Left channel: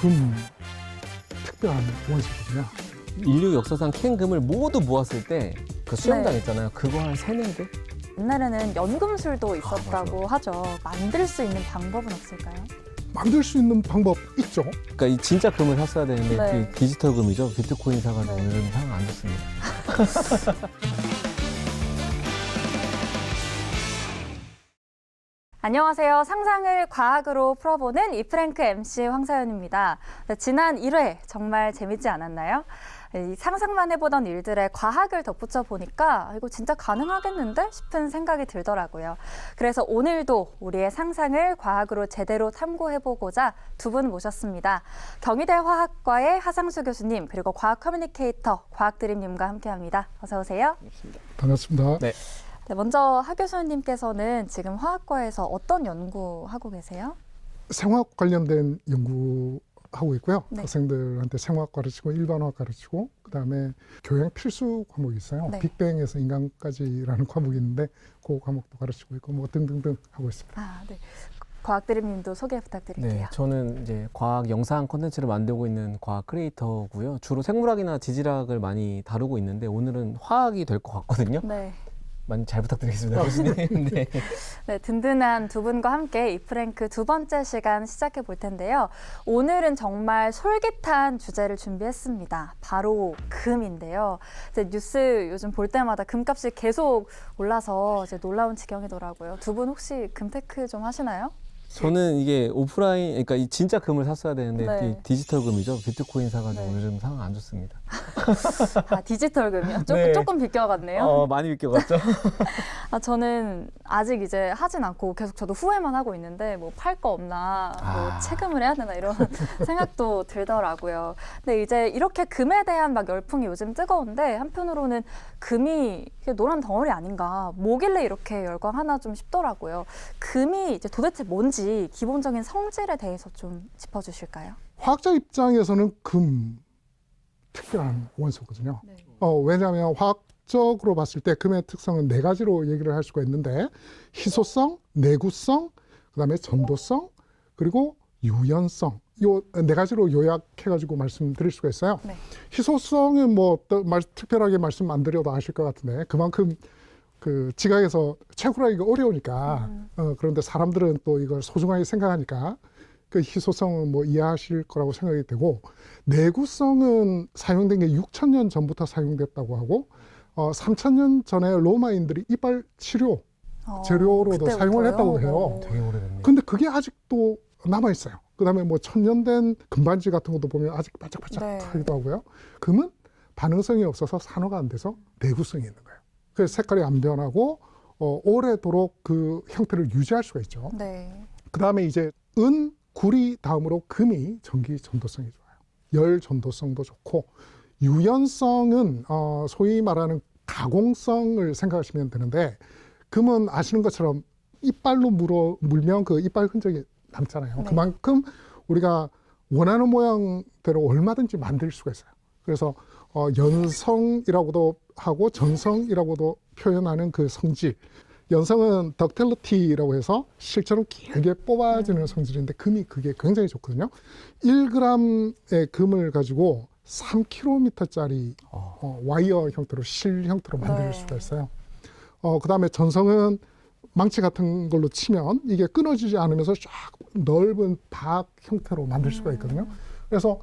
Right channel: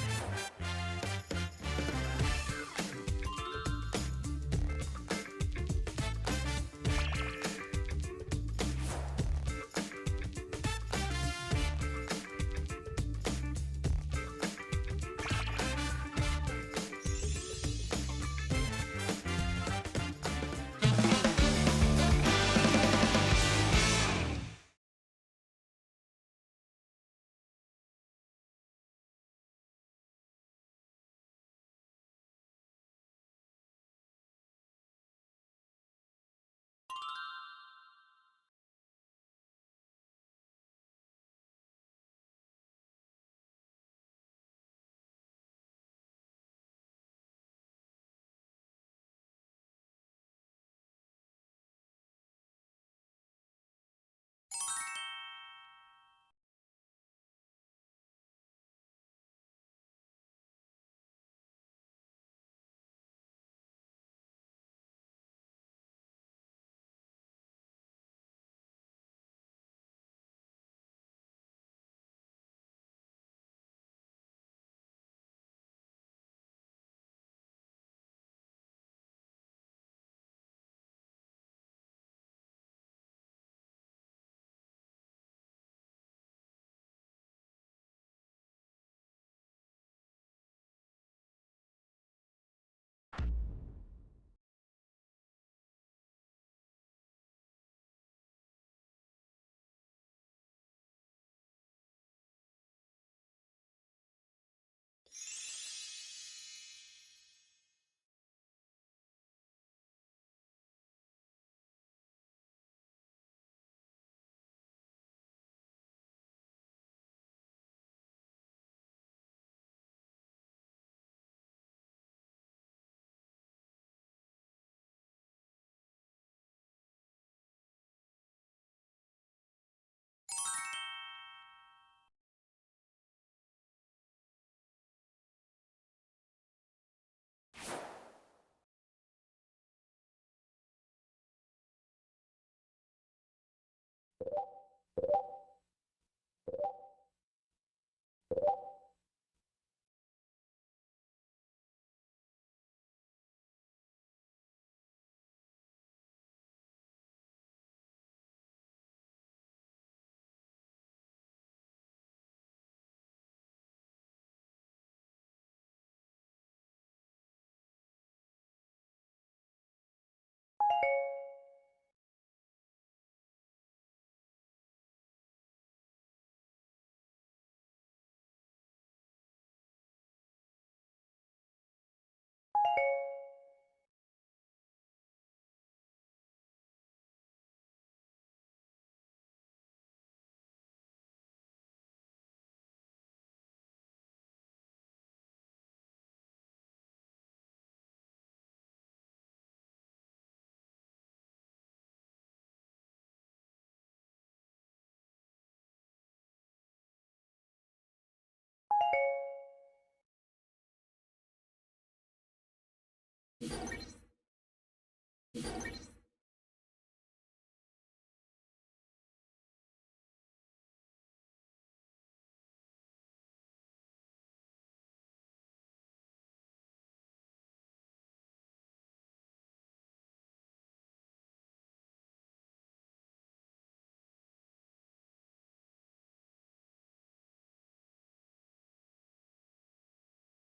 금 특별한 원소거든요. 인류 역사상 캔 금을 모두 모았을 때 그 수영장 네. 있잖아요. 그거 한 3~4개? 옛날에는 연금술도 있었다고 하죠. 만들 수 있는 방법은 없을까요? 만들 수 있는 방법 있죠. 그러니까 이 진짜 금을 샀어야 되는데 네. 이 디지털 금이죠. 비트코인 사가지고 오늘은 사용 안 됐습니다. 안녕하세요. 상상을 과학으로 풀어보는 이프랭크 MC 황사연입니다. 네, 지난 1회 정말 재밌지 않았나요? 이 상상만 해보던 일들에 과학을 덧붙여 보니까 이거 진짜 가능하겠는데 싶은 생각이 들더라고요. 그래서 오늘도 우리의 상상을 과학으로 제대로 탐구해보고자 두 분 모셨습니다. 경희대 화학과의 하상수 교수님 그리고 과학 커뮤니케이터 과학드림님과 함께합니다. 어서 오세요. 반갑습니다. 네. 네, 먼저 하 교수님께서는 지금 화학과에서 어떤 연구하고 계세요? 생화학 관련된 연구하고 있고요. 네. 학생들한테 생화학 가르치고 일반화학 가르치고 그다음에 교양 필수 과목이 있어요. 네. 빅뱅에서 인간까지라는 과목이 있는데 그 과목도 가르치고 있고 뭐 등등등 하고 있습니다. 아, 네. 과학드림님도 소개 부탁드릴게요. 네, 저는 이제 과학 영상 콘텐츠를 만들고 있는 과학 크리에이터고요. 주로 생물학이나 지질학을 많이 다루고 있는데 오늘은 화학이 될 것 같거든요. 네. 많이 잘 부탁드리겠습니다, 교수님. 네. 네, 든든한 두 분과 함께 이프랭크 두 번째 시간 시작해 볼 텐데요. 오늘은 정말 솔깃한 주제를 준비했습니다. 바로 금인데요. 이제 뉴스 요즘 볼 때마다 금값이 계속 올라서 이제 놀라운 지경이더라고요. 두 분 혹시 금테크 좀 하시나요? 저는 이게 오프라인, 그러니까 이 진짜 금을 샀어야 되는데 네. 이 디지털 금이죠. 비트코인 사가지고 네. 오늘은 상황 안 좋습니다. 아, 디지털 금이요? 네. 조금 비껴갔네요. 많이 비껴갔죠? 아, 저는 아직 이제 하진 않고 계속 저도 후회만 하고 있는데 뭐 팔 거 없나, 뭐 채금을 해야 되나 이런 생각도 들더라고요. 근데 이제 이렇게 금에 대한 막 열풍이 요즘 뜨거운데 한편으로는 금이 이게 노란 덩어리 아닌가, 뭐길래 이렇게 열광하나 좀 싶더라고요. 금이 이제 도대체 뭔지 기본적인 성질에 대해서 좀 짚어주실까요? 화학자 입장에서는 금 특별한 원소거든요. 네. 왜냐하면 화학적으로 봤을 때 금의 특성은 네 가지로 얘기를 할 수가 있는데 희소성, 내구성, 그다음에 전도성, 그리고 유연성. 요 네 가지로 요약해가지고 말씀드릴 수가 있어요. 네. 희소성은 뭐 특별하게 말씀 안 드려도 아실 것 같은데 그만큼 그 지각에서 채굴하기가 어려우니까 그런데 사람들은 또 이걸 소중하게 생각하니까 그 희소성은 뭐 이해하실 거라고 생각이 되고 내구성은 사용된 게 6,000년 전부터 사용됐다고 하고 3,000년 전에 로마인들이 이빨 치료 재료로도 그때부터요? 사용을 했다고 해요. 되게 오래됐네요. 근데 그게 아직도 남아 있어요. 그다음에 뭐 1,000년 된 금반지 같은 것도 보면 아직 반짝반짝 네. 하기도 하고요. 금은 반응성이 없어서 산화가 안 돼서 내구성이 있는 거예요. 그래서 색깔이 안 변하고 오래도록 그 형태를 유지할 수가 있죠. 네. 그다음에 이제 은, 구리 다음으로 금이 전기 전도성이 좋아요. 열 전도성도 좋고 유연성은 소위 말하는 가공성을 생각하시면 되는데 금은 아시는 것처럼 이빨로 물면 그 이빨 흔적이 남잖아요. 네. 그만큼 우리가 원하는 모양대로 얼마든지 만들 수가 있어요. 그래서 연성이라고도 하고 전성이라고도 표현하는 그 성질. 연성은 덕틸리티라고 해서 실처럼 길게 뽑아지는 성질인데 금이 그게 굉장히 좋거든요. 1g의 금을 가지고 3km짜리 와이어 형태로 실 형태로 만들 네. 수가 있어요. 그다음에 전성은 망치 같은 걸로 치면 이게 끊어지지 않으면서 쫙 넓은 박 형태로 만들 수가 있거든요. 그래서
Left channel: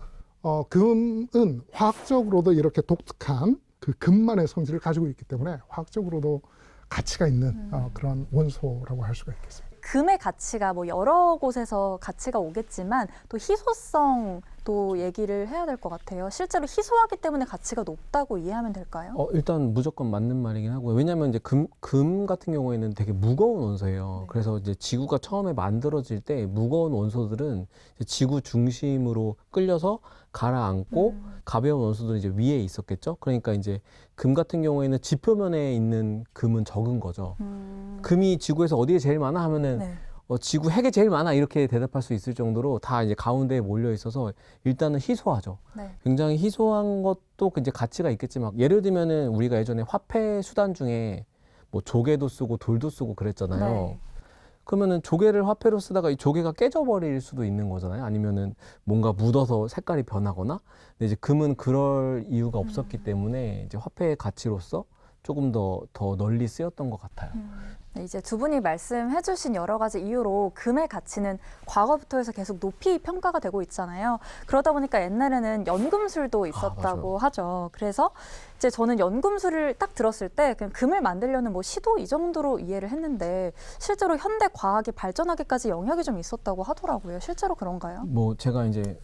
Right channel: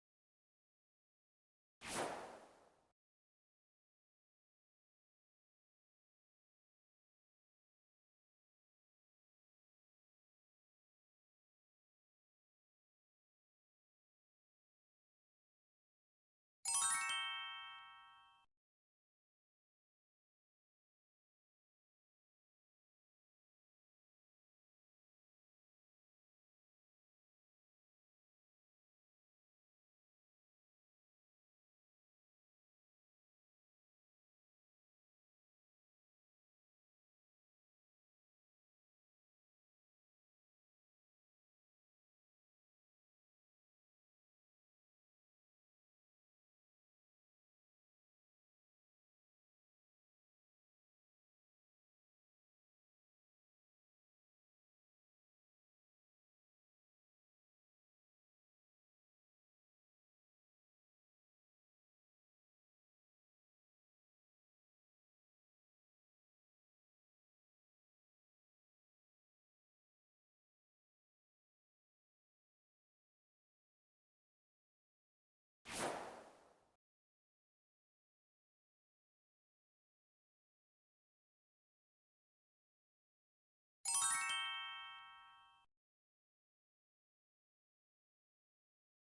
금은 화학적으로도 이렇게 독특한 그 금만의 성질을 가지고 있기 때문에 화학적으로도 가치가 있는 그런 원소라고 할 수가 있겠습니다. 금의 가치가 뭐 여러 곳에서 가치가 오겠지만 또 희소성도 얘기를 해야 될 것 같아요. 실제로 희소하기 때문에 가치가 높다고 이해하면 될까요? 일단 무조건 맞는 말이긴 하고요. 왜냐하면 이제 금 같은 경우에는 되게 무거운 원소예요. 네. 그래서 이제 지구가 처음에 만들어질 때 무거운 원소들은 이제 지구 중심으로 끌려서 가라앉고 가벼운 원소들은 이제 위에 있었겠죠. 그러니까 이제 금 같은 경우에는 지표면에 있는 금은 적은 거죠. 금이 지구에서 어디에 제일 많아 하면은 네. 지구 핵에 제일 많아 이렇게 대답할 수 있을 정도로 다 이제 가운데에 몰려 있어서 일단은 희소하죠. 네. 굉장히 희소한 것도 이제 가치가 있겠지만 예를 들면은 우리가 예전에 화폐 수단 중에 뭐 조개도 쓰고 돌도 쓰고 그랬잖아요. 네. 그러면은 조개를 화폐로 쓰다가 이 조개가 깨져버릴 수도 있는 거잖아요. 아니면은 뭔가 묻어서 색깔이 변하거나. 근데 이제 금은 그럴 이유가 없었기 때문에 이제 화폐의 가치로서 조금 더 널리 쓰였던 것 같아요. 네, 이제 두 분이 말씀해주신 여러 가지 이유로 금의 가치는 과거부터 해서 계속 높이 평가가 되고 있잖아요. 그러다 보니까 옛날에는 연금술도 있었다고 하죠. 그래서 이제 저는 연금술을 딱 들었을 때 그냥 금을 만들려는 뭐 시도 이 정도로 이해를 했는데 실제로 현대 과학이 발전하기까지 영향이 좀 있었다고 하더라고요. 실제로 그런가요? 뭐 제가 이제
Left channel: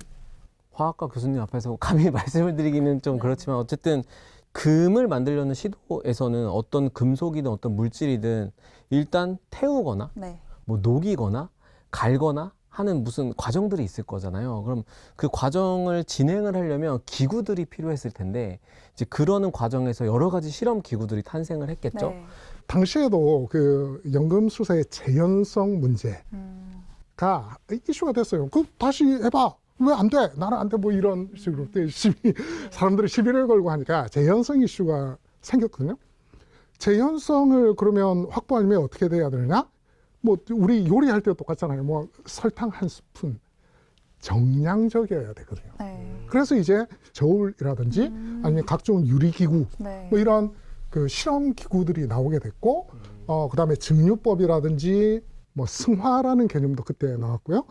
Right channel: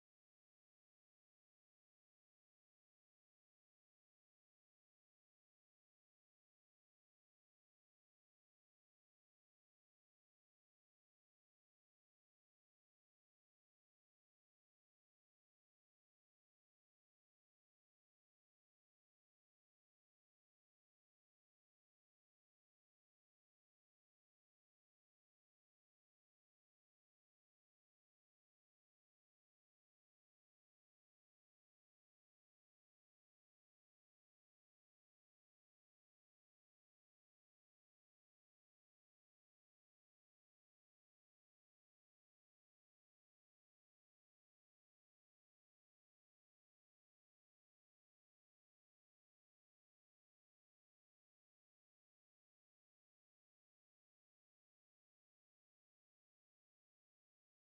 화학과 교수님 앞에서 감히 말씀을 드리기는 좀 네. 그렇지만 어쨌든 금을 만들려는 시도에서는 어떤 금속이든 어떤 물질이든 일단 태우거나 네. 뭐 녹이거나 갈거나 하는 무슨 과정들이 있을 거잖아요. 그럼 그 과정을 진행을 하려면 기구들이 필요했을 텐데 이제 그러는 과정에서 여러 가지 실험 기구들이 탄생을 했겠죠. 네. 당시에도 그 연금술사의 재현성 문제가 이슈가 됐어요. 그 다시 해봐. 왜 안 돼? 나는 안 돼. 뭐 이런 식으로 사람들이 시비를 걸고 하니까 재현성 이슈가 생겼거든요. 재현성을 그러면 확보하려면 어떻게 돼야 되느냐? 뭐 우리 요리할 때도 똑같잖아요. 뭐 설탕 한 스푼 정량적이어야 되거든요. 네. 그래서 이제 저울이라든지 아니면 각종 유리기구 네. 뭐 이런 그 실험 기구들이 나오게 됐고, 그다음에 증류법이라든지 뭐 승화라는 개념도 그때 나왔고요.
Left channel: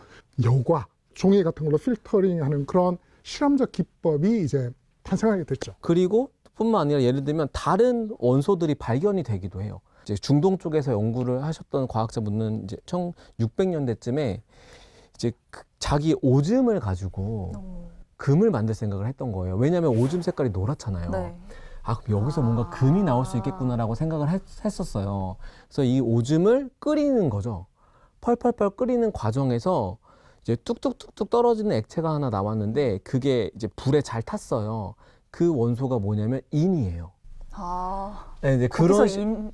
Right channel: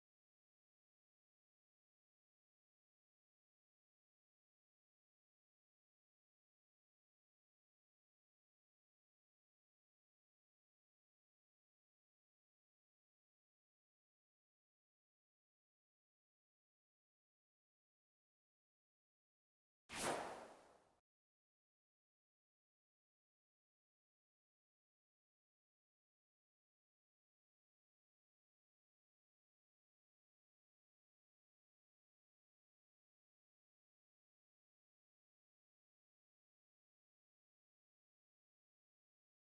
여과, 종이 같은 걸로 필터링하는 그런 실험적 기법이 이제 탄생하게 됐죠. 그리고 뿐만 아니라 예를 들면 다른 원소들이 발견이 되기도 해요. 이제 중동 쪽에서 연구를 하셨던 과학자분은 이제 1600년대쯤에 이제 자기 오줌을 가지고 금을 만들 생각을 했던 거예요. 왜냐하면 오줌 색깔이 노랗잖아요. 네. 아, 그럼 여기서 뭔가 금이 나올 수 있겠구나라고 생각을 했었어요. 그래서 이 오줌을 끓이는 거죠. 펄펄펄 끓이는 과정에서 이제 뚝뚝뚝뚝 떨어지는 액체가 하나 나왔는데 그게 이제 불에 잘 탔어요. 그 원소가 뭐냐면 인이에요. 아, 네, 이제 거기서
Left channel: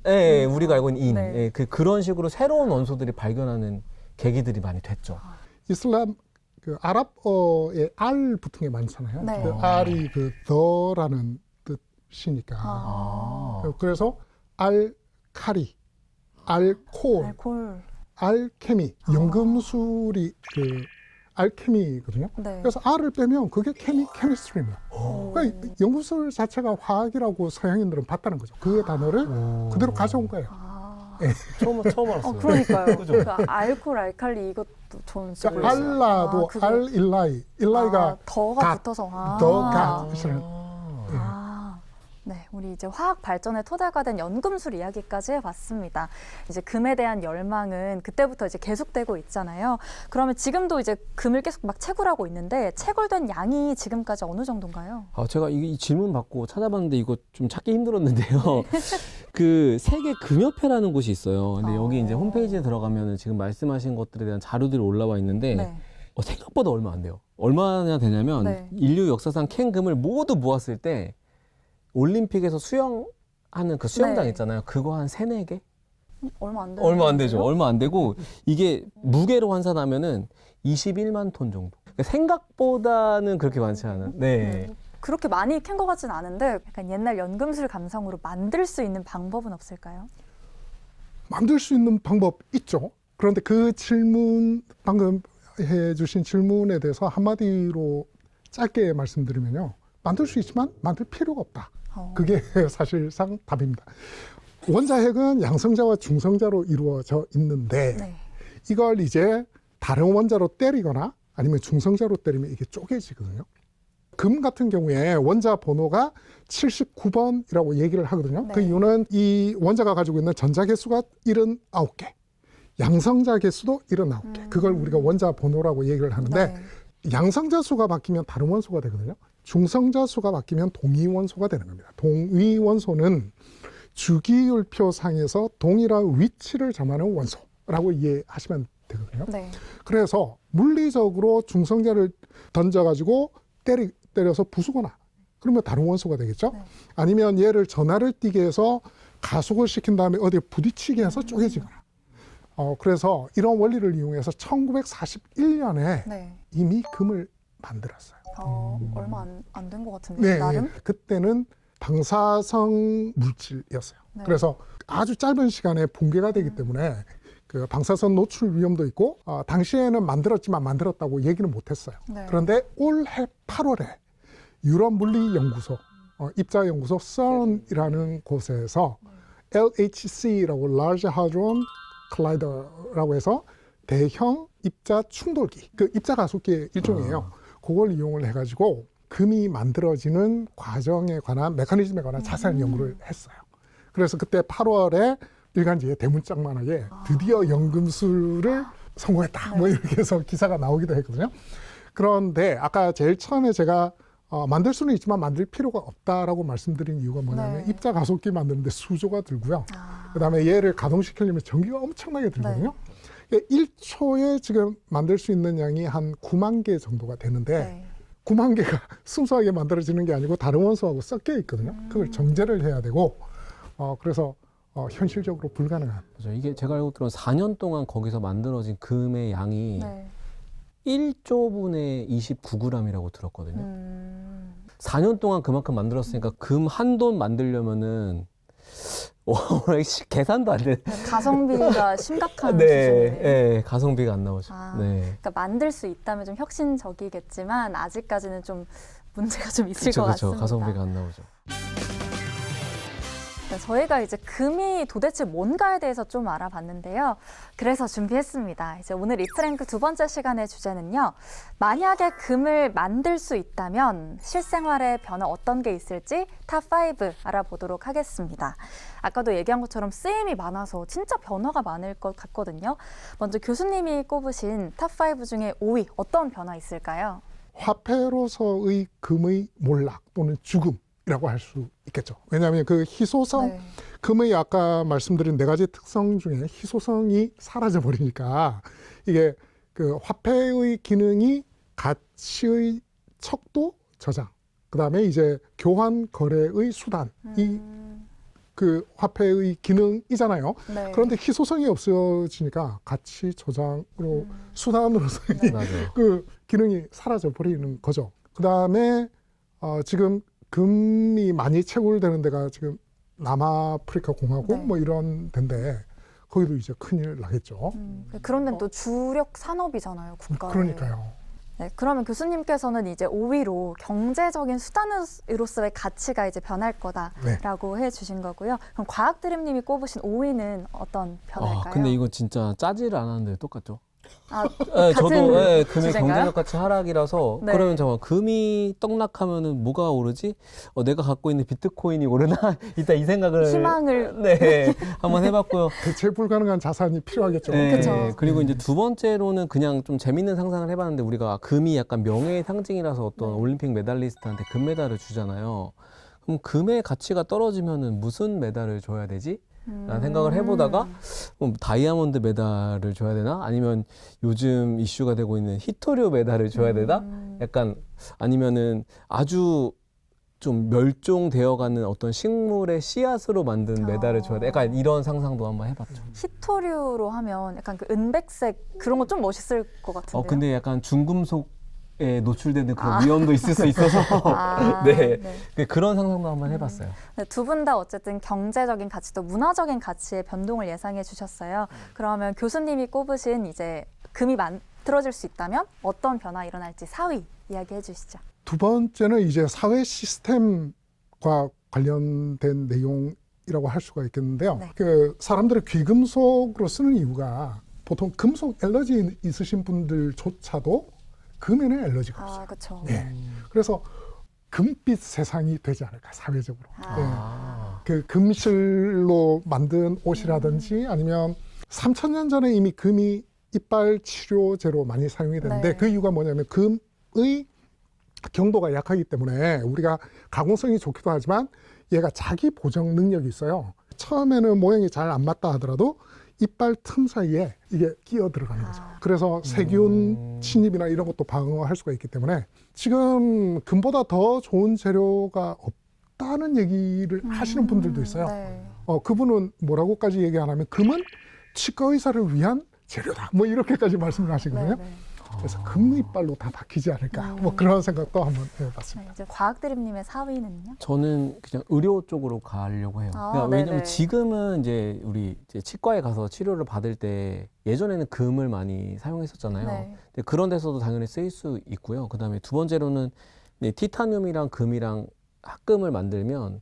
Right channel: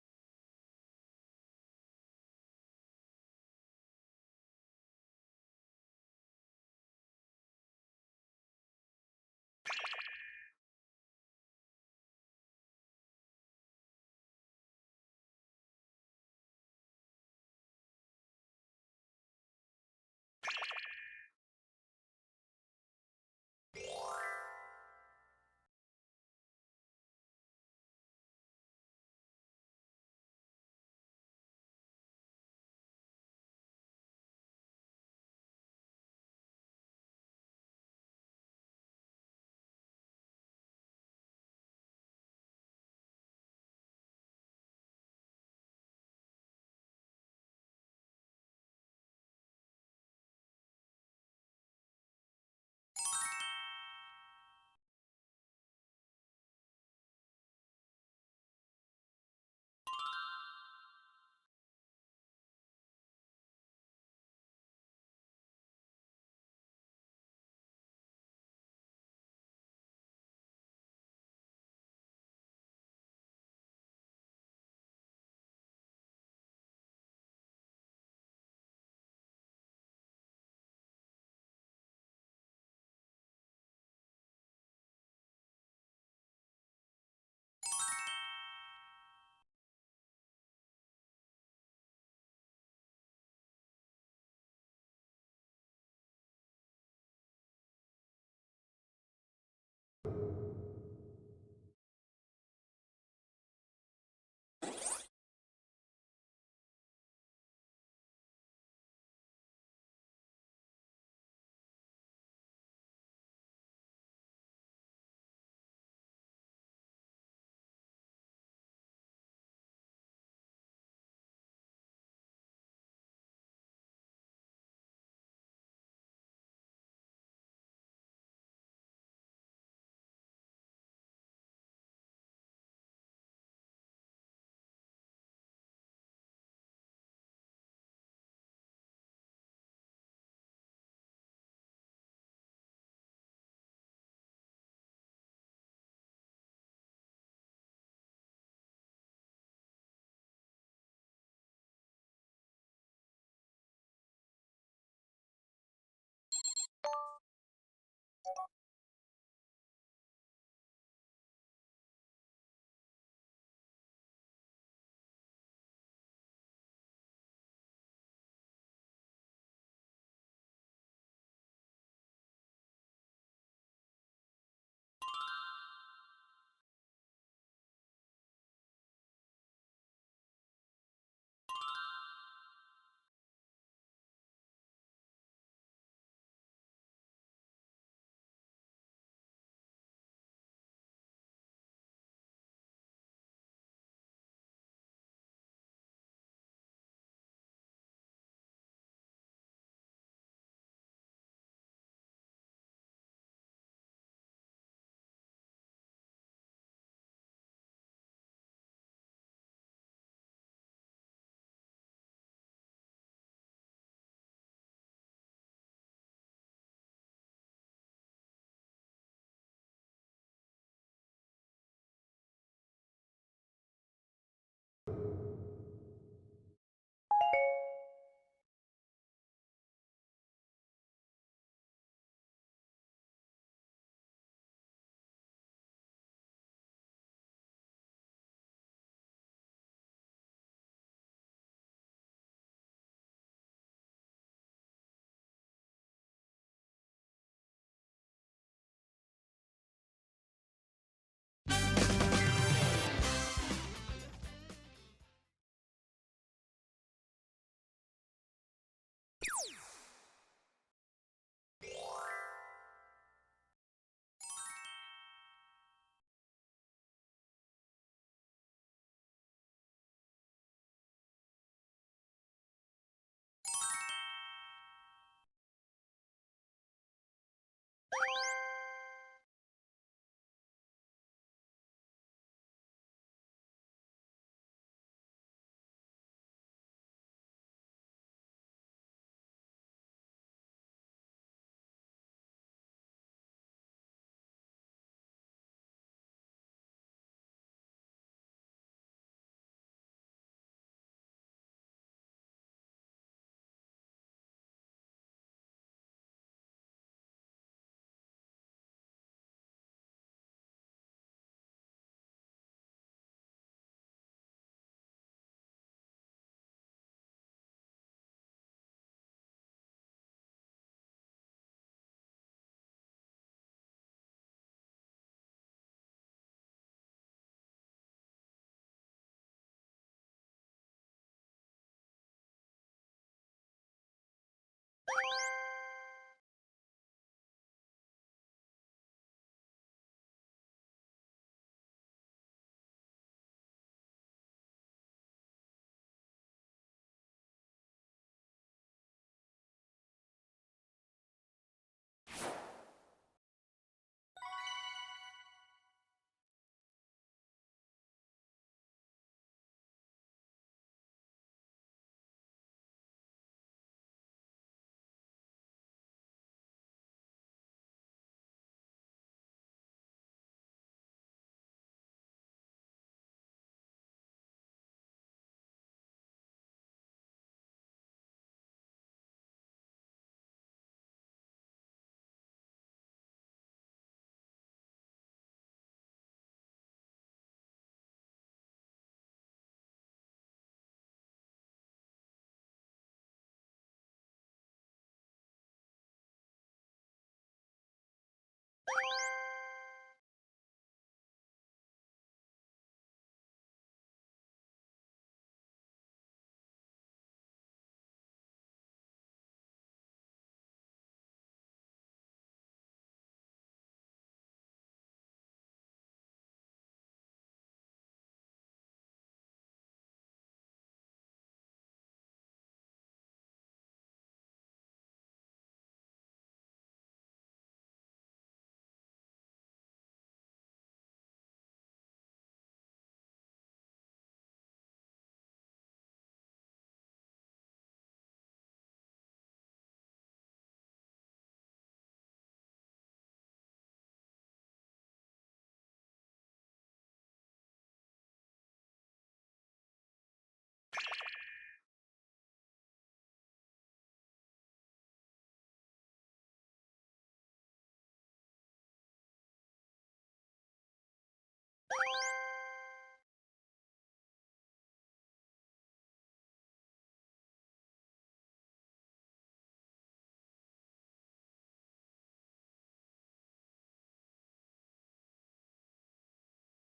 네, 우리가 알고 있는 인. 네. 네, 그런 식으로 새로운 원소들이 발견하는 계기들이 많이 됐죠. 이슬람 그 아랍어에 알 붙은 게 많잖아요. 네. 그 알이 그 더라는 뜻이니까. 아. 그래서 알카리, 알코올, 알콜. 알케미, 연금술이 그 알케미거든요. 네. 그래서 알을 빼면 그게 케미스트리입니다. 그러니까 연금술 자체가 화학이라고 서양인들은 봤다는 거죠. 그 단어를 그대로 가져온 거예요. 아. 처음 알았어요. 그러니까요. 그죠? 그 알콜, 알칼리 이것도 저는 진짜 그러니까 몰랐어요. 알라도 그게- 알일라이, 일라이가 더가 갓, 붙어서 더 갓. 네, 우리 이제 화학 발전의 토대가 된 연금술 이야기까지 해봤습니다. 이제 금에 대한 열망은 그때부터 이제 계속되고 있잖아요. 그러면 지금도 이제 금을 계속 막 채굴하고 있는데 채굴된 양이 지금까지 어느 정도인가요? 제가 이 질문 받고 찾아봤는데 이거 좀 찾기 힘들었는데요. 그 세계 금협회라는 곳이 있어요. 근데 여기 이제 홈페이지에 들어가면 지금 말씀하신 것들에 대한 자료들이 올라와 있는데 네. 생각보다 얼마 안 돼요. 얼마나 되냐면 네. 인류 역사상 캔 금을 모두 모았을 때 올림픽에서 수영하는 그 수영장 네. 있잖아요. 그거 한 3, 4개? 얼마 안 되는 얼마 안 되죠. 건데요? 얼마 안 되고 이게 무게로 환산하면은 21만 톤 정도. 그러니까 생각보다는 그렇게 많지 않은. 네. 그렇게 많이 캔 것 같진 않은데 약간 옛날 연금술 감성으로 만들 수 있는 방법은 없을까요? 만들 수 있는 방법 있죠. 그런데 그 질문, 방금 해주신 질문에 대해서 한마디로 짧게 말씀드리면요. 만들 수 있지만 만들 필요가 없다. 그게 사실상 답입니다. 원자핵은 양성자와 중성자로 이루어져 있는데 네. 이걸 이제 다른 원자로 때리거나 아니면 중성자로 때리면 이게 쪼개지거든요. 금 같은 경우에 원자 번호가 79번이라고 얘기를 하거든요. 네. 그 이유는 이 원자가 가지고 있는 전자 개수가 79개, 양성자 개수도 79개. 그걸 우리가 원자 번호라고 얘기를 하는데 네. 양성자 수가 바뀌면 다른 원소가 되거든요. 중성자 수가 바뀌면 동위원소가 되는 겁니다. 동위원소는 주기율표상에서 동일한 위치를 점하는 원소라고 이해하시면 되거든요. 네. 그래서 물리적으로 중성자를 던져가지고 때려서 부수거나 그러면 다른 원소가 되겠죠. 네. 아니면 얘를 전하를 띠게 해서 가속을 시킨 다음에 어디에 부딪히게 해서 쪼개지거나. 그래서 이런 원리를 이용해서 1941년에 네. 이미 금을 만들었어요. 얼마 안 된 것 같은데 네, 나름? 그때는 방사성 물질이었어요. 네. 그래서 아주 짧은 시간에 붕괴가 되기 때문에 그 방사선 노출 위험도 있고 당시에는 만들었지만 만들었다고 얘기는 못했어요. 네. 그런데 올해 8월에 유럽 물리 연구소 입자 연구소 CERN이라는 곳에서 LHC라고 Large Hadron Collider라고 해서 대형 입자 충돌기, 그 입자 가속기의 일종이에요. 그걸 이용을 해가지고 금이 만들어지는 과정에 관한 메커니즘에 관한 자세한 연구를 했어요. 그래서 그때 8월에 일간지에 대문짝만하게 드디어 연금술을 성공했다. 뭐 이렇게 해서 기사가 나오기도 했거든요. 그런데 아까 제일 처음에 제가 만들 수는 있지만 만들 필요가 없다라고 말씀드린 이유가 뭐냐면 네. 입자 가속기 만드는데 수조가 들고요. 아. 그다음에 얘를 가동시키려면 전기가 엄청나게 들거든요. 1초에 지금 만들 수 있는 양이 한 9만 개 정도가 되는데 네. 9만 개가 순수하게 만들어지는 게 아니고 다른 원소하고 섞여 있거든요. 그걸 정제를 해야 되고 그래서 현실적으로 불가능한. 그죠. 이게 제가 알고 들은 4년 동안 거기서 만들어진 금의 양이 네. 1조분의 29g이라고 들었거든요. 4년 동안 그만큼 만들었으니까 금 한 돈 만들려면은 계산도 안 돼. 가성비가 심각한 네, 수준이네요. 네, 가성비가 안 나오죠. 아. 네. 그러니까 만들 수 있다면 좀 혁신적이겠지만 아직까지는 좀 문제가 좀 있을 그렇죠, 것 그렇죠. 같습니다. 가성비가 안 나오죠. 네, 저희가 이제 금이 도대체 뭔가에 대해서 좀 알아봤는데요. 그래서 준비했습니다. 이제 오늘 이프랭크 두 번째 시간의 주제는요. 만약에 금을 만들 수 있다면 실생활에 변화 어떤 게 있을지 탑5 알아보도록 하겠습니다. 아까도 얘기한 것처럼 쓰임이 많아서 진짜 변화가 많을 것 같거든요. 먼저 교수님이 꼽으신 탑5 중에 5위 어떤 변화 있을까요? 화폐로서의 금의 몰락 또는 죽음이라고 할 수 있겠죠. 왜냐하면 그 희소성 네. 금의 아까 말씀드린 4가지 특성 중에 희소성이 사라져 버리니까 이게 그 화폐의 기능이 가치의 척도 저장, 그다음에 이제 교환 거래의 수단이 그 화폐의 기능이잖아요. 네. 그런데 희소성이 없어지니까 가치 저장으로 수단으로서의 맞아요. 그 기능이 사라져 버리는 거죠. 그다음에 지금 금이 많이 채굴되는 데가 지금 남아프리카 공화국 네. 뭐 이런 데인데 거기도 이제 큰일 나겠죠. 그런 데는 또 주력 산업이잖아요, 국가의. 그러니까요. 네, 그러면 교수님께서는 이제 5위로 경제적인 수단으로서의 가치가 이제 변할 거다라고 해주신 거고요. 그럼 과학드림님이 꼽으신 5위는 어떤 변화일까요? 근데 이거 진짜 짜지를 않았는데 똑같죠? 아, 네, 저도 같은 금의 주제인가요? 경제적 가치 하락이라서 네. 그러면 잠깐 금이 떡락하면은 뭐가 오르지? 내가 갖고 있는 비트코인이 오르나? 이따 이 생각을 희망을 네 한번 해봤고요. 대체 불가능한 자산이 필요하겠죠. 네, 그쵸. 그리고 이제 두 번째로는 그냥 좀 재밌는 상상을 해봤는데 우리가 금이 약간 명예의 상징이라서 어떤 네. 올림픽 메달리스트한테 금메달을 주잖아요. 그럼 금의 가치가 떨어지면은 무슨 메달을 줘야 되지? 라는 생각을 해보다가 다이아몬드 메달을 줘야 되나? 아니면 요즘 이슈가 되고 있는 히토류 메달을 줘야 되나? 약간 아니면은 아주 좀 멸종되어가는 어떤 식물의 씨앗으로 만든 메달을 줘야 돼. 약간 이런 상상도 한번 해봤죠. 히토류로 하면 약간 그 은백색 그런 거 좀 멋있을 것 같은데요. 근데 약간 중금속에 노출되는 그런 위험도 있을 수 있어서 아, 네. 네. 그런 상상도 한번 해봤어요. 두 분 다 어쨌든 경제적인 가치도 문화적인 가치의 변동을 예상해 주셨어요. 그러면 교수님이 꼽으신 이제 금이 만들어질 수 있다면 어떤 변화 일어날지 4위 이야기해 주시죠. 두 번째는 이제 사회 시스템과 관련된 내용이라고 할 수가 있겠는데요. 네. 그 사람들을 귀금속으로 쓰는 이유가 보통 금속 알러지 있으신 분들조차도 금에는 알러지가 없어요. 아, 그렇죠. 네. 그래서 금빛 세상이 되지 않을까 사회적으로. 아. 그 금실로 만든 옷이라든지 아니면 3,000년 전에 이미 금이 이빨 치료제로 많이 사용이 되는데 네. 그 이유가 뭐냐면 금의 경도가 약하기 때문에 우리가 가공성이 좋기도 하지만 얘가 자기 보정 능력이 있어요. 처음에는 모양이 잘 안 맞다 하더라도 이빨 틈 사이에 이게 끼어 들어가는 거죠. 그래서 세균 침입이나 이런 것도 방어할 수가 있기 때문에 지금 금보다 더 좋은 재료가 없다는 얘기를 하시는 분들도 있어요. 네. 그분은 뭐라고까지 얘기 안 하면 금은 치과 의사를 위한 재료다. 뭐 이렇게까지 말씀을 하시거든요. 네, 네. 그래서 금이빨로 다 바뀌지 않을까 뭐 그런 생각도 한번 해봤습니다. 네, 이제 과학드림님의 4위는요? 저는 그냥 의료 쪽으로 가려고 해요. 아, 그러니까 왜냐면 네네. 지금은 이제 우리 이제 치과에 가서 치료를 받을 때 예전에는 금을 많이 사용했었잖아요. 네. 근데 그런 데서도 당연히 쓰일 수 있고요. 그다음에 두 번째로는 네, 티타늄이랑 금이랑 합금을 만들면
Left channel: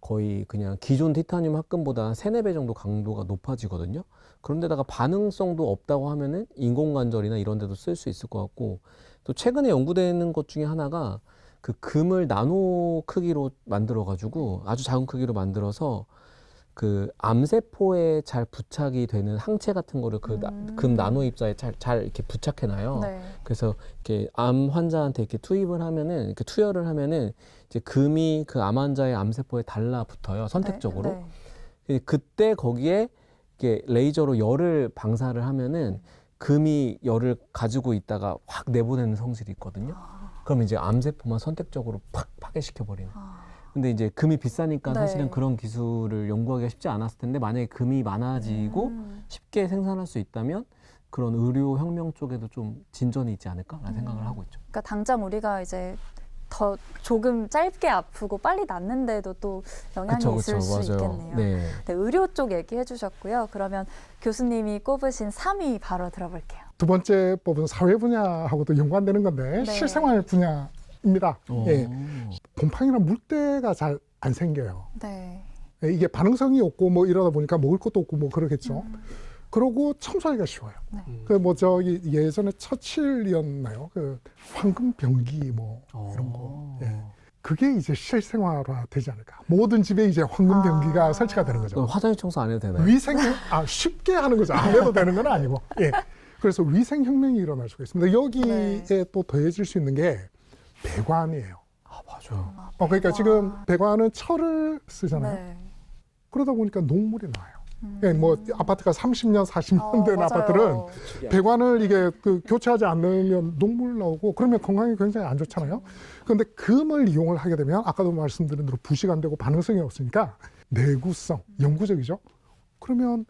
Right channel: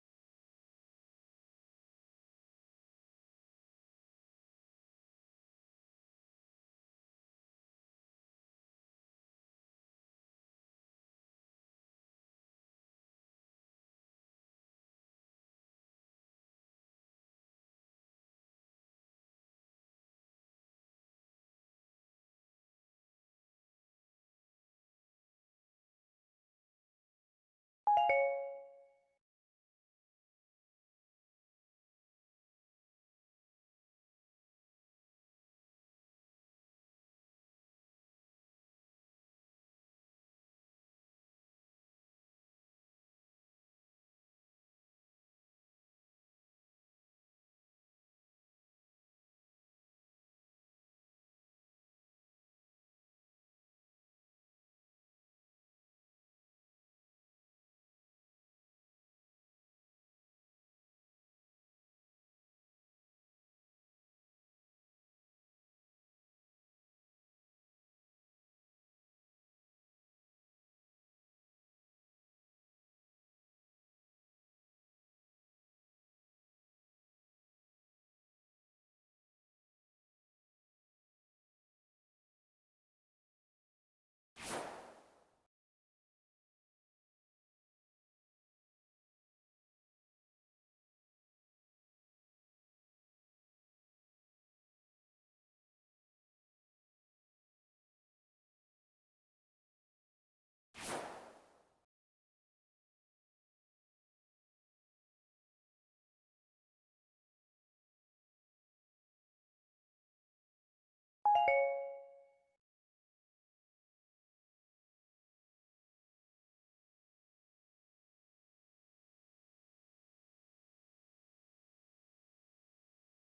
거의 그냥 기존 티타늄 합금보다 한 3-4배 정도 강도가 높아지거든요. 그런데다가 반응성도 없다고 하면은 인공관절이나 이런 데도 쓸 수 있을 것 같고, 또 최근에 연구되는 것 중에 하나가 그 금을 나노 크기로 만들어 가지고 아주 작은 크기로 만들어서 그 암세포에 잘 부착이 되는 항체 같은 거를 그 금 나노 입자에 잘 이렇게 부착해 놔요. 네. 그래서 이렇게 암 환자한테 이렇게 투입을 하면은, 이렇게 투여를 하면은 이제 금이 그 암 환자의 암세포에 달라붙어요, 선택적으로. 네. 네. 그때 거기에 이렇게 레이저로 열을 방사를 하면은 금이 열을 가지고 있다가 확 내보내는 성질이 있거든요. 그럼 이제 암세포만 선택적으로 팍 파괴시켜 버리는. 근데 이제 금이 비싸니까 네. 사실은 그런 기술을 연구하기가 쉽지 않았을 텐데, 만약에 금이 많아지고 쉽게 생산할 수 있다면 그런 의료 혁명 쪽에도 좀 진전이 있지 않을까라는 생각을 하고 있죠. 그러니까 당장 우리가 이제 더 조금 짧게 아프고 빨리 낫는데도 또 영향이 있을 수 있겠네요. 네. 네, 의료 쪽 얘기해 주셨고요. 그러면 교수님이 꼽으신 3위 바로 들어볼게요. 두 번째 뽑은 사회 분야하고도 연관되는 건데 네. 실생활 분야입니다. 오. 예. 곰팡이나 물때가 잘 안 생겨요. 네. 예, 이게 반응성이 없고 뭐 이러다 보니까 먹을 것도 없고 뭐 그러겠죠. 그러고 청소하기가 쉬워요. 네. 그 뭐 저기 예전에 처칠이었나요? 그 황금병기 뭐 이런 거. 예. 그게 이제 실생활화 되지 않을까. 모든 집에 이제 황금병기가 설치가 되는 거죠. 그럼 화장실 청소 안 해도 되나요? 위생 쉽게 하는 거죠. 안 해도 되는 건 아니고. 예. 그래서 위생 혁명이 일어날 수가 있습니다. 여기에 네. 또 더해질 수 있는 게 배관이에요. 아, 맞아요. 그러니까 지금 배관은 철을 쓰잖아요. 네. 그러다 보니까 녹물이 나요. 예, 뭐 아파트가 30년, 40년 된 맞아요. 아파트는 배관을 이게 그 교체하지 않으면 녹물 나오고 그러면 건강이 굉장히 안 좋잖아요. 그런데 금을 이용을 하게 되면 아까도 말씀드린 대로 부식 안 되고 반응성이 없으니까 내구성, 영구적이죠. 그러면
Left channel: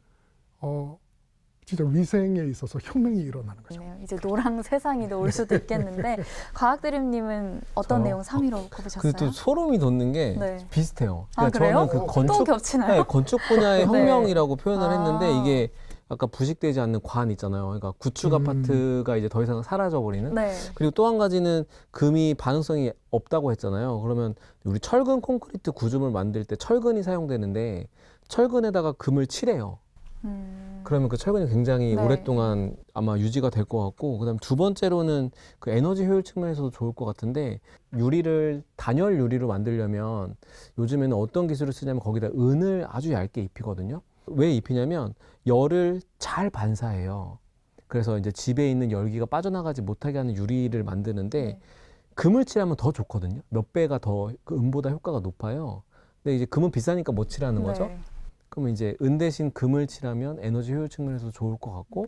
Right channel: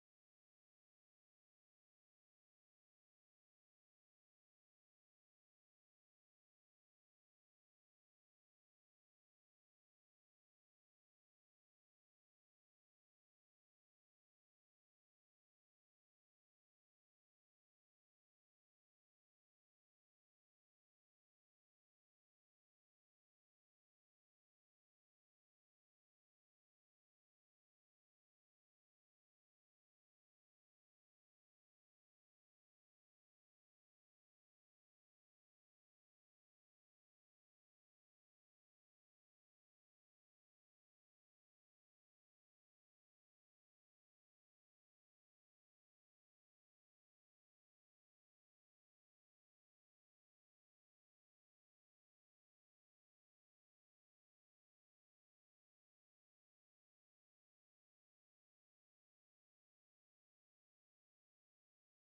진짜 위생에 있어서 혁명이 일어나는 거죠. 네, 이제 노랑 세상이 올 수도 있겠는데 과학드림님은 어떤 저요? 내용 3위로 꼽으셨어요? 그 또 소름이 돋는 게 네. 비슷해요. 아, 그래요? 저는 그 또 건축 겹치나요? 네, 건축 분야의 네. 혁명이라고 표현을 아. 했는데, 이게 아까 부식되지 않는 관 있잖아요. 그러니까 구축 아파트가 이제 더 이상 사라져 버리는. 네. 그리고 또 한 가지는 금이 반응성이 없다고 했잖아요. 그러면 우리 철근 콘크리트 구조물 만들 때 철근이 사용되는데 철근에다가 금을 칠해요. 그러면 그 철근이 굉장히 네. 오랫동안 아마 유지가 될 것 같고, 그다음 두 번째로는 그 에너지 효율 측면에서도 좋을 것 같은데, 유리를 단열 유리로 만들려면 요즘에는 어떤 기술을 쓰냐면 거기다 은을 아주 얇게 입히거든요. 왜 입히냐면 열을 잘 반사해요. 그래서 이제 집에 있는 열기가 빠져나가지 못하게 하는 유리를 만드는데 네. 금을 칠하면 더 좋거든요. 몇 배가 더 그 은보다 효과가 높아요. 근데 이제 금은 비싸니까 못 칠하는 거죠. 네. 그러면 이제 은 대신 금을 칠하면 에너지 효율 측면에서 좋을 것 같고,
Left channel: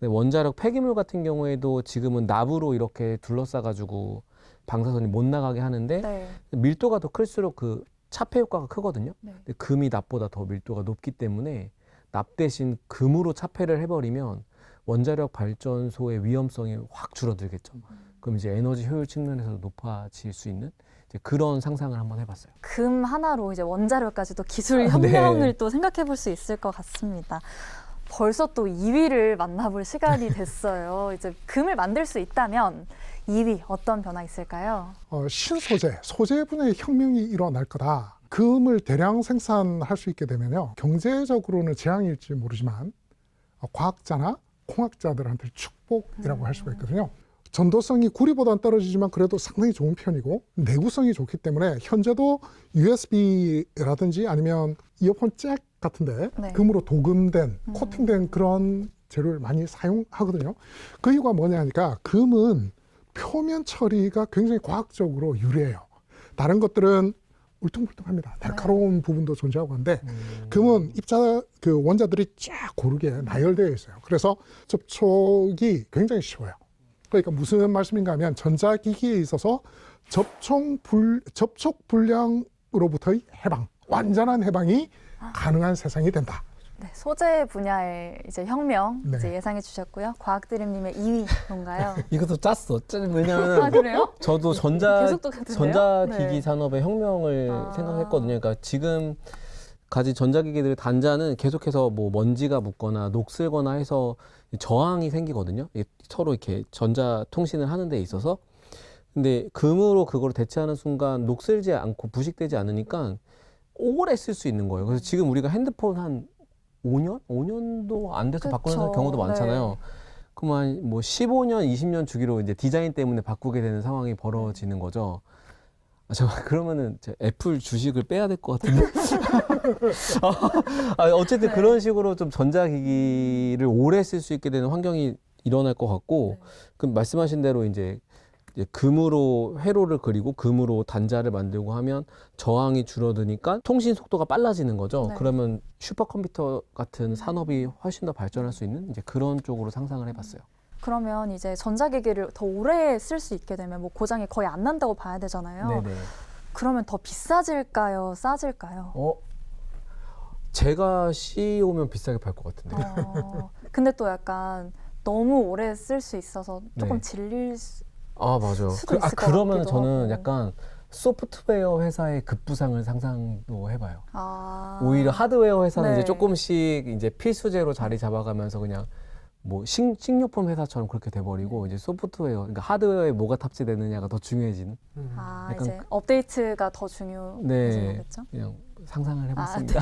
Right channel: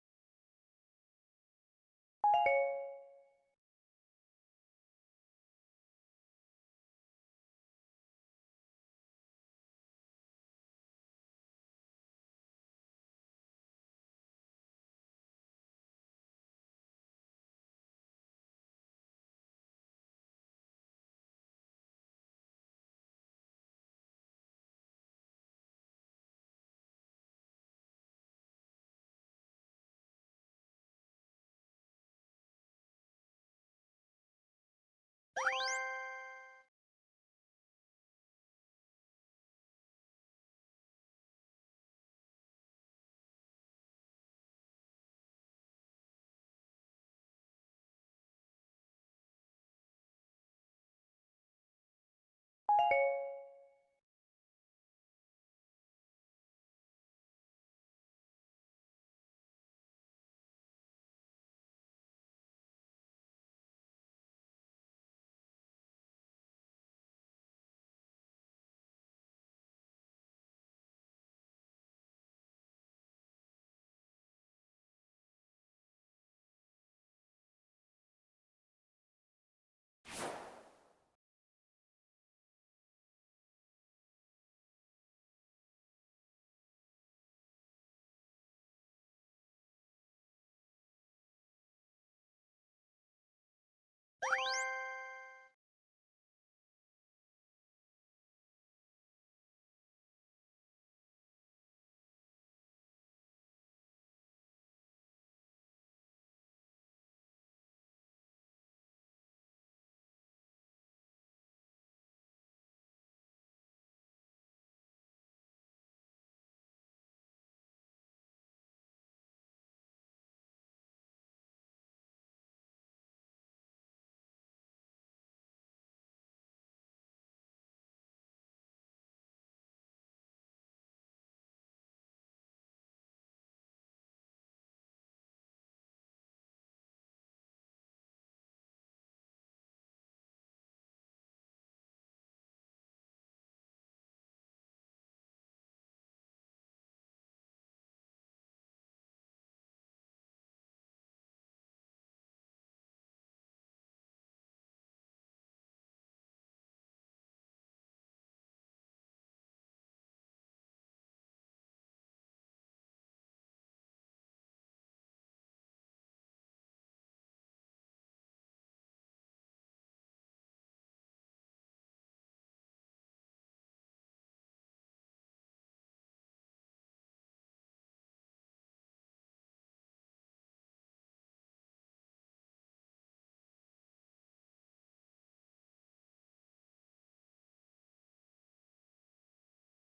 근데 원자력 폐기물 같은 경우에도 지금은 납으로 이렇게 둘러싸가지고 방사선이 못 나가게 하는데 네. 밀도가 더 클수록 그 차폐 효과가 크거든요. 네. 근데 금이 납보다 더 밀도가 높기 때문에 납 대신 금으로 차폐를 해버리면 원자력 발전소의 위험성이 확 줄어들겠죠. 그럼 이제 에너지 효율 측면에서도 높아질 수 있는 이제 그런 상상을 한번 해봤어요. 금 하나로 이제 원자력까지도 기술 네. 혁명을 또 생각해 볼 수 있을 것 같습니다. 벌써 또 2위를 만나볼 시간이 됐어요. 이제 금을 만들 수 있다면 2위 어떤 변화 있을까요? 신소재, 소재 분야의 혁명이 일어날 거다. 금을 대량 생산할 수 있게 되면요, 경제적으로는 재앙일지 모르지만 과학자나 공학자들한테 축복이라고 할 수가 있거든요. 전도성이 구리보다는 떨어지지만 그래도 상당히 좋은 편이고 내구성이 좋기 때문에 현재도 USB라든지 아니면 이어폰 잭 같은데 네. 금으로 도금된 코팅된 그런 재료를 많이 사용하거든요. 그 이유가 뭐냐 하니까 금은 표면 처리가 굉장히 과학적으로 유리해요. 다른 것들은 울퉁불퉁합니다. 날카로운 부분도 존재하고 한데 금은 그 원자들이 쫙 고르게 나열되어 있어요. 그래서 접촉이 굉장히 쉬워요. 그러니까 무슨 말씀인가 하면 전자기기에 있어서 접촉 불량으로부터의 해방, 완전한 해방이 가능한 세상이 된다. 네, 소재 분야의 이제 혁명 네. 이제 예상해 주셨고요. 과학드림님의 2위 뭔가요? 이것도 짰어. 왜냐면 아 그래요? 저도 계속 또 같은데요? 전자기기 네. 산업의 혁명을 아. 생각했거든요. 그러니까 지금 가진 전자기기들의 단자는 계속해서 뭐 먼지가 묻거나 녹슬거나 해서 저항이 생기거든요. 이게 서로 이렇게 전자 통신을 하는 데 있어서. 근데 금으로 그걸 대체하는 순간 녹슬지 않고 부식되지 않으니까 오래 쓸 수 있는 거예요. 그래서 지금 우리가 핸드폰 한 5년? 5년도 안 돼서 바꾸는 그쵸. 경우도 많잖아요. 네. 그러면 뭐 15년, 20년 주기로 이제 디자인 때문에 바꾸게 되는 상황이 벌어지는 거죠. 아, 잠깐 그러면은 제 애플 주식을 빼야 될 것 같은데. 어쨌든 네. 그런 식으로 좀 전자기기를 오래 쓸 수 있게 되는 환경이 일어날 것 같고, 네. 그 말씀하신 대로 이제 금으로 회로를 그리고 금으로 단자를 만들고 하면 저항이 줄어드니까 통신 속도가 빨라지는 거죠. 네. 그러면 슈퍼컴퓨터 같은 산업이 훨씬 더 발전할 수 있는 이제 그런 쪽으로 상상을 해봤어요. 그러면 이제 전자기기를 더 오래 쓸 수 있게 되면 뭐 고장이 거의 안 난다고 봐야 되잖아요. 네네. 그러면 더 비싸질까요? 싸질까요? 제가 CEO면 비싸게 팔 것 같은데. 근데 또 약간 너무 오래 쓸 수 있어서 조금 네. 질릴 수... 맞아. 수도 있을 것 그러면 같기도 저는 하고. 약간 소프트웨어 회사의 급부상을 상상도 해봐요. 아. 오히려 하드웨어 회사는 네. 이제 조금씩 이제 필수제로 자리 잡아가면서 그냥 뭐 식료품 회사처럼 그렇게 돼버리고 이제 소프트웨어, 그러니까 하드웨어에 뭐가 탑재되느냐가 더 중요해지는. 아, 약간 이제 업데이트가 더 중요해지는 거겠죠? 그냥 상상을 해봤습니다.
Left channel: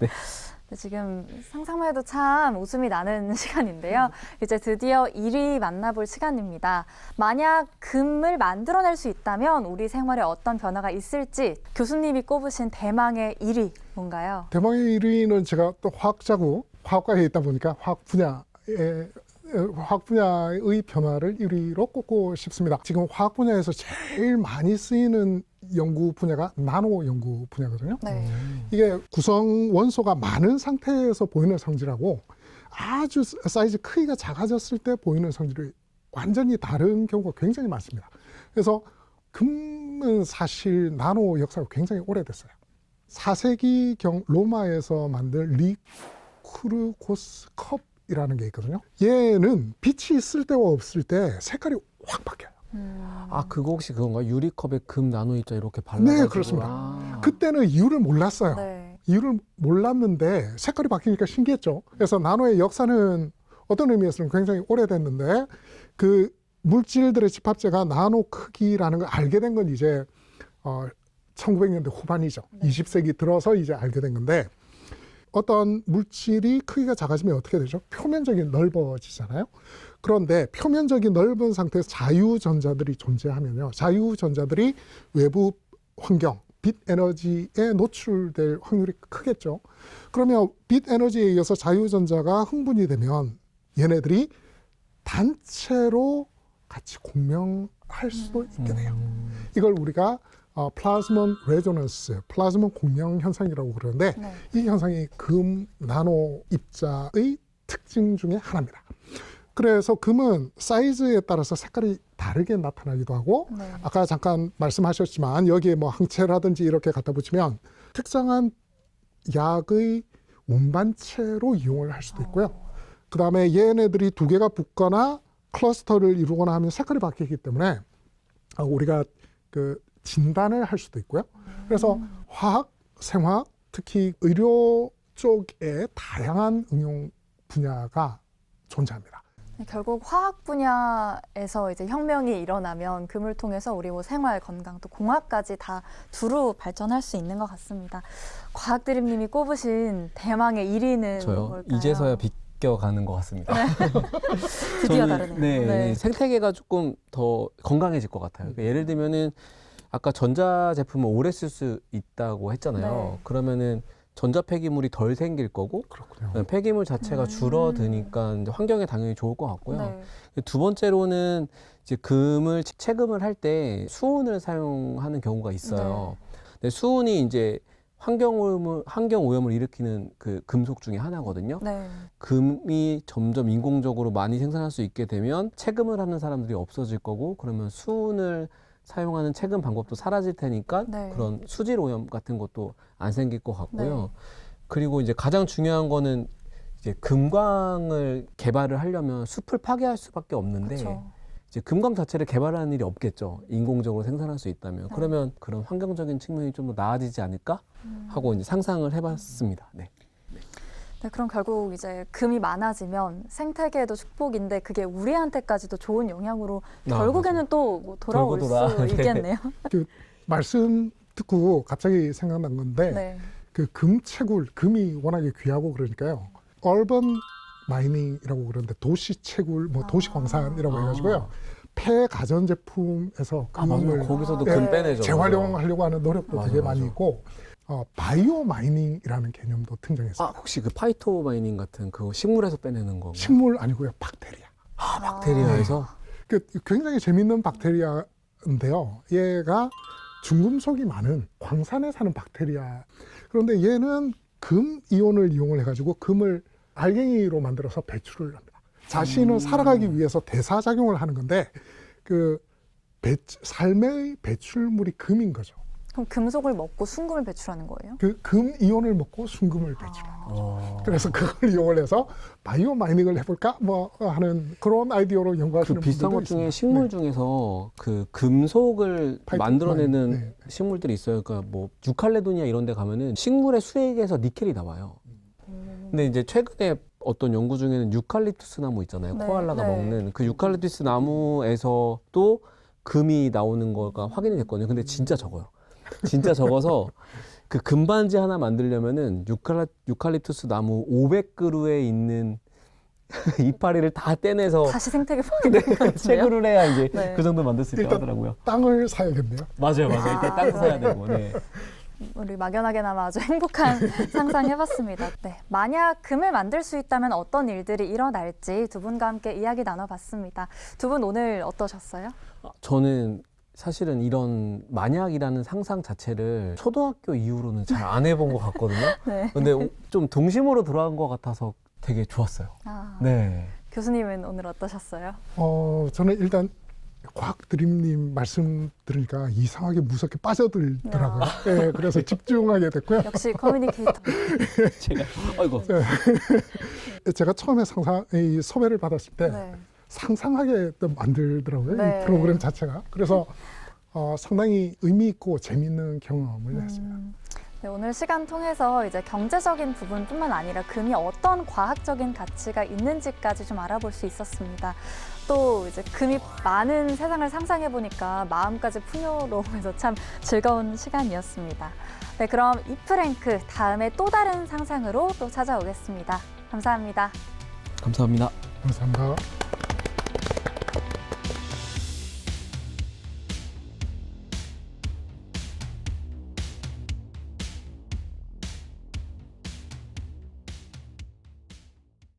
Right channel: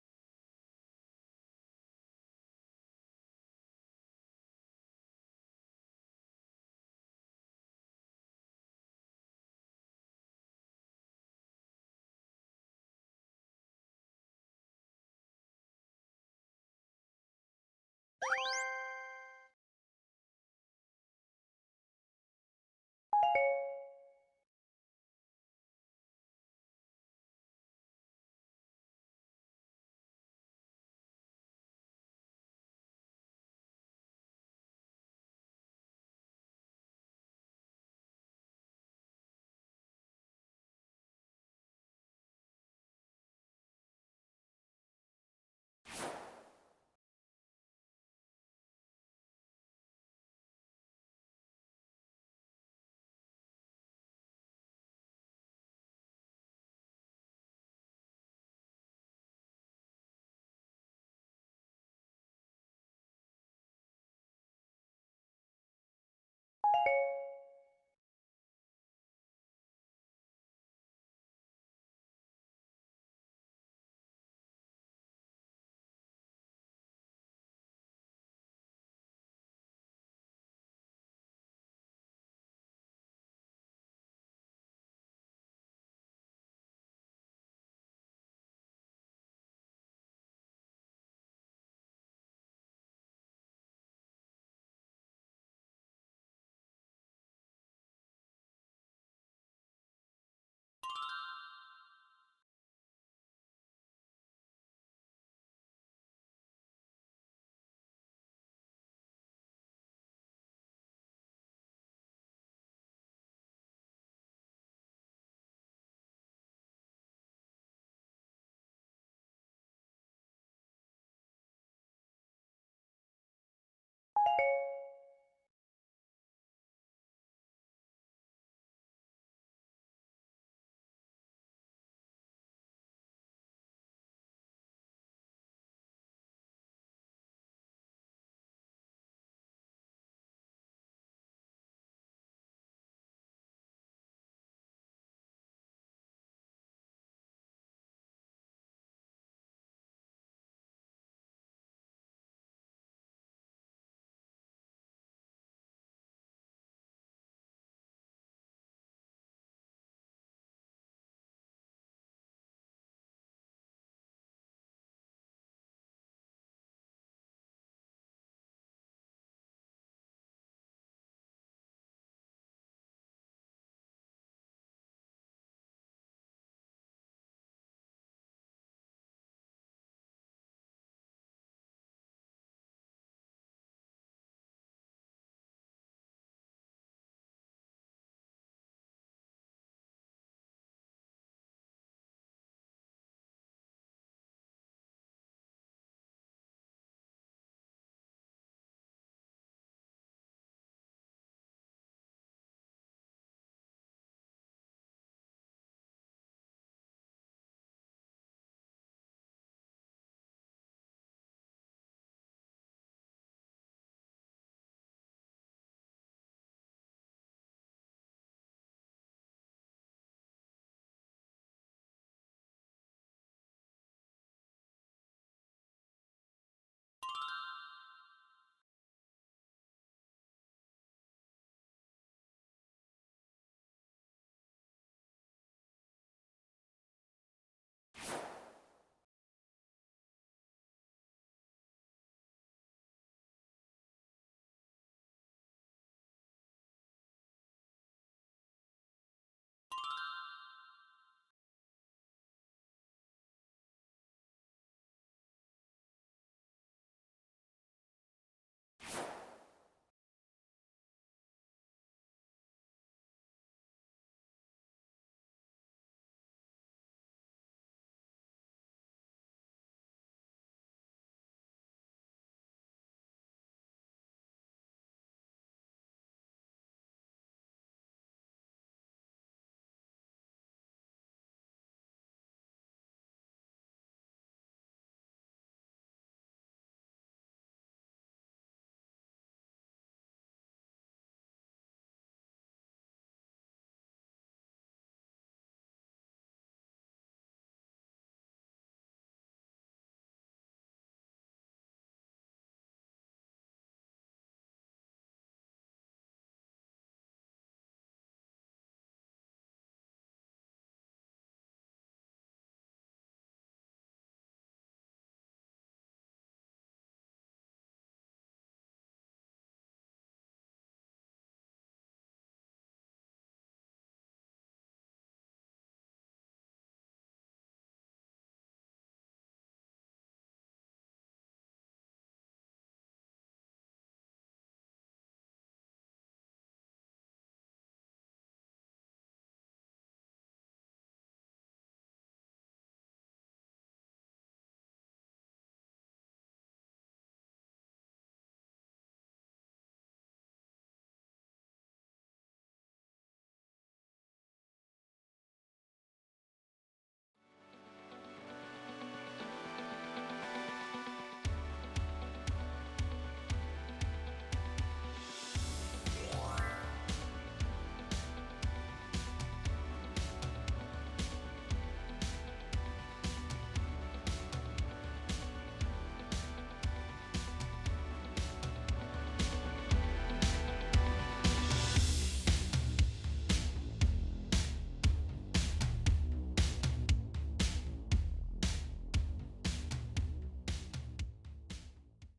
네. 네, 지금 상상만 해도 참 웃음이 나는 시간인데요. 이제 드디어 1위 만나볼 시간입니다. 만약 금을 만들어낼 수 있다면 우리 생활에 어떤 변화가 있을지 교수님이 꼽으신 대망의 1위 뭔가요? 대망의 1위는 제가 또 화학자고 화학과에 있다 보니까 화학 분야의 변화를 1위로 꼽고 싶습니다. 지금 화학 분야에서 제일 많이 쓰이는 연구 분야가 나노 연구 분야거든요. 네. 이게 구성 원소가 많은 상태에서 보이는 성질하고 아주 사이즈 크기가 작아졌을 때 보이는 성질이 완전히 다른 경우가 굉장히 많습니다. 그래서 금은 사실 나노 역사가 굉장히 오래됐어요. 4세기경 로마에서 만든 리쿠르고스 컵이라는 게 있거든요. 얘는 빛이 있을 때와 없을 때 색깔이 확 바뀌어요. 그거 혹시 그건가? 유리컵에 금 나노 입자 이렇게 발라가지고. 네, 그렇습니다. 그때는 이유를 몰랐어요. 네. 이유를 몰랐는데 색깔이 바뀌니까 신기했죠. 그래서 나노의 역사는 어떤 의미에서는 굉장히 오래됐는데 그 물질들의 집합체가 나노 크기라는 걸 알게 된 건 이제 1900년대 후반이죠. 네. 20세기 들어서 이제 알게 된 건데 어떤 물질이 크기가 작아지면 어떻게 되죠? 표면적이 넓어지잖아요. 그런데 표면적이 넓은 상태에서 자유전자들이 존재하면요. 자유전자들이 외부 환경, 빛 에너지에 노출될 확률이 크겠죠. 그러면 빛 에너지에 의해서 자유전자가 흥분이 되면 얘네들이 단체로 같이 공명할 수도 있게 돼요. 이걸 우리가 플라즈몬 레조넌스, 플라즈몬 공명 현상이라고 그러는데 네. 이 현상이 금 나노 입자의 특징 중에 하나입니다. 그래서 금은 사이즈에 따라서 색깔이 다르게 나타나기도 하고 네. 아까 잠깐 말씀하셨지만 여기에 뭐 항체라든지 이렇게 갖다 붙이면 특정한 약의 운반체로 이용을 할 수도 있고요. 그 다음에 얘네들이 두 개가 붙거나 클러스터를 이루거나 하면 색깔이 바뀌기 때문에 우리가 그 진단을 할 수도 있고요. 그래서 화학, 생화학, 특히 의료 쪽에 다양한 응용 분야가 존재합니다. 결국 화학 분야에서 이제 혁명이 일어나면 금을 통해서 우리 뭐 생활, 건강, 또 공학까지 다 두루 발전할 수 있는 것 같습니다. 과학드림님이 꼽으신 대망의 1위는 저요? 뭘까요? 이제서야 비껴가는 것 같습니다. 드디어 저는, 다르네요. 네, 생태계가 조금 더 건강해질 것 같아요. 그러니까 예를 들면은 아까 전자 제품을 오래 쓸 수 있다고 했잖아요. 네. 그러면은 전자 폐기물이 덜 생길 거고 그렇군요. 폐기물 자체가 줄어드니까 이제 환경에 당연히 좋을 것 같고요. 네. 두 번째로는 이제 금을 채금을 할 때 수은을 사용하는 경우가 있어요. 근데 수은이 이제 환경 오염을 일으키는 그 금속 중에 하나거든요. 네. 금이 점점 인공적으로 많이 생산할 수 있게 되면 채금을 하는 사람들이 없어질 거고 그러면 수은을 사용하는 채금 방법도 사라질 테니까 네. 그런 수질 오염 같은 것도 안 생길 것 같고요. 그리고 이제 가장 중요한 거는 이제 금광을 개발을 하려면 숲을 파괴할 수밖에 없는데 그렇죠. 이제 금광 자체를 개발하는 일이 없겠죠. 인공적으로 생산할 수 있다면. 네. 그러면 그런 환경적인 측면이 좀 더 나아지지 않을까 하고 이제 상상을 해봤습니다. 네. 네, 그럼 결국 이제 금이 많아지면 생태계에도 축복인데 그게 우리한테까지도 좋은 영향으로 결국에는 또 뭐 돌아올 돌고 돌아. 수 네. 있겠네요. 말씀 듣고 갑자기 생각난 건데 네. 그 금채굴, 금이 워낙에 귀하고 그러니까요. 얼번 마이닝이라고 그러는데 도시 채굴, 뭐 도시 광산이라고 해가지고요. 폐 가전 제품에서 금을 거기서도 네. 금 빼내죠. 재활용하려고 하는 노력도 맞아, 되게 맞아. 많이 있고 바이오 마이닝이라는 개념도 등장했어요. 혹시 그 파이토 마이닝 같은 그 식물에서 빼내는 건가요? 식물 아니고요, 박테리아. 박테리아에서? 그 굉장히 재밌는 박테리아인데요. 얘가 중금속이 많은 광산에 사는 박테리아. 그런데 얘는 금 이온을 이용을 해가지고 금을 알갱이로 만들어서 배출을 합니다. 자신은 살아가기 위해서 대사작용을 하는 건데 그 삶의 배출물이 금인 거죠. 그럼 금속을 먹고 순금을 배출하는 거예요? 그 금 이온을 먹고 순금을 배출하는. 그래서 그걸 이용을 해서 바이오 마이닝을 해볼까 뭐 하는 그런 아이디어로 연구하시는 그 비슷한 분들도 것 중에 있습니다. 식물 네. 중에서 그 금속을 파이토 만들어내는 마이닝. 네. 식물들이 있어요. 그러니까 뭐 유칼레도니아 이런 데 가면은 식물의 수액에서 니켈이 나와요. 근데 이제 최근에 어떤 연구 중에는 유칼립투스 나무 있잖아요. 네, 코알라가 네. 먹는 그 유칼립투스 나무에서도 금이 나오는 거가 확인이 됐거든요. 근데 진짜 적어요. 진짜 적어서 그 금반지 하나 만들려면은 유칼립투스 나무 500그루에 있는 이파리를 다 떼내서 다시 생태계 파괴되는 것 같은데요? 채굴을 해야 이제 네. 그 정도 만들 수 있다고 일단 하더라고요. 땅을 사야겠네요. 맞아요. 일단 땅 사야 되고. 네. 우리 막연하게나마 아주 행복한 상상해봤습니다. 네, 만약 금을 만들 수 있다면 어떤 일들이 일어날지 두 분과 함께 이야기 나눠봤습니다. 두 분 오늘 어떠셨어요? 저는 사실은 이런 만약이라는 상상 자체를 초등학교 이후로는 잘 안 해본 것 같거든요. 네. 근데 좀 동심으로 돌아간 것 같아서 되게 좋았어요. 네. 교수님은 오늘 어떠셨어요? 저는 일단 과학 드림님 말씀 들으니까 이상하게 무섭게 빠져들더라고요. 네, 그래서 집중하게 됐고요. 역시 커뮤니케이터. 제가 아이고. 제가 처음에 이 섭외를 받았을 때 네. 상상하게 또 만들더라고요. 네. 이 프로그램 자체가. 그래서 상당히 의미 있고 재미있는 경험을 했습니다. 네, 오늘 시간 통해서 이제 경제적인 부분뿐만 아니라 금이 어떤 과학적인 가치가 있는지까지 좀 알아볼 수 있었습니다. 또 이제 금이 많은 세상을 상상해 보니까 마음까지 풍요로우면서 참 즐거운 시간이었습니다. 네, 그럼 이프랭크 다음에 또 다른 상상으로 또 찾아오겠습니다. 감사합니다. 감사합니다. 감사합니다.